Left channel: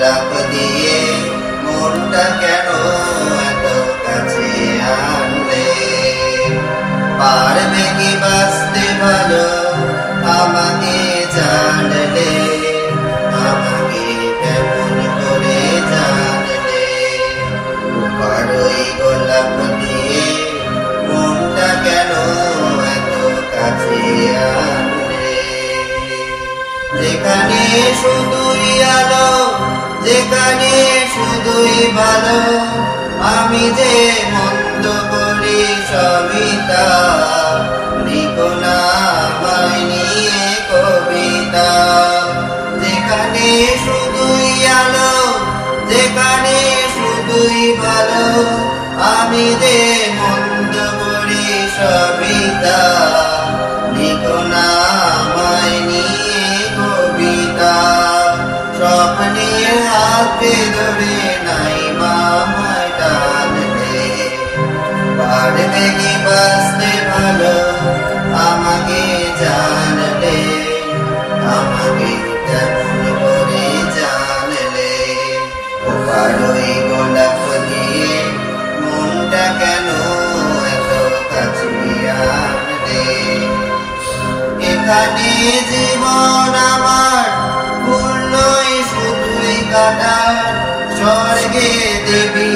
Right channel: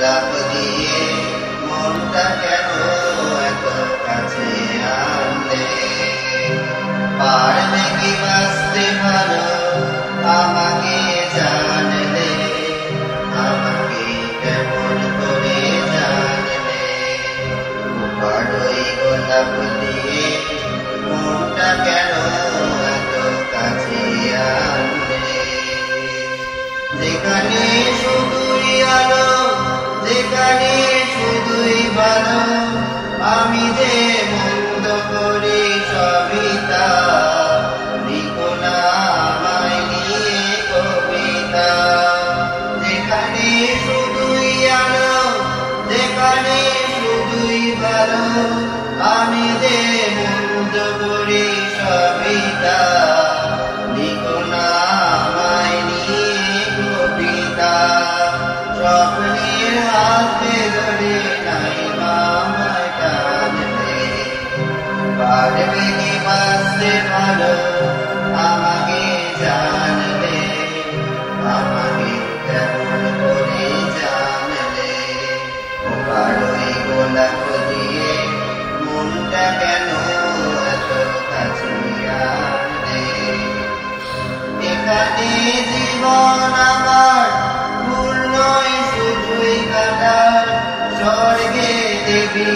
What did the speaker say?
গোলাপ দিয়ে মনটা কেন এত কাছে আনলে? পারবে কি বাঁচতে ভালো আমাকে জানলে? আমাকে কেমন করে জানলে? পারোই গোলাপ দিয়ে মনটা কেন এত কাছে আনলে? যেখানে শুধুই আলো, যেখানে শুধুই ভালো, আমি যে মন্দ করি সবই তা। লিখো না আমায় নিয়ে কবিতা। যেখানে শুধুই আলো, যেখানে শুধুই ভালো, আমি যে মন্দ করি সবই তা। লিখো না আমায় নিয়ে কবিতা। স্বপ্নের হাতে ধরে নাই আমায় টানলে। পারবে কি বাঁচতে ভালো আমাকে জানলে? আমাকে কেমন করে জানলে? পারোই গোলাপ দিয়ে মনটা কেন এত কাছে আনলে? এখানে জীবন আমার ভুল নয় শুধুই কাটার। স্বর্গে দেবী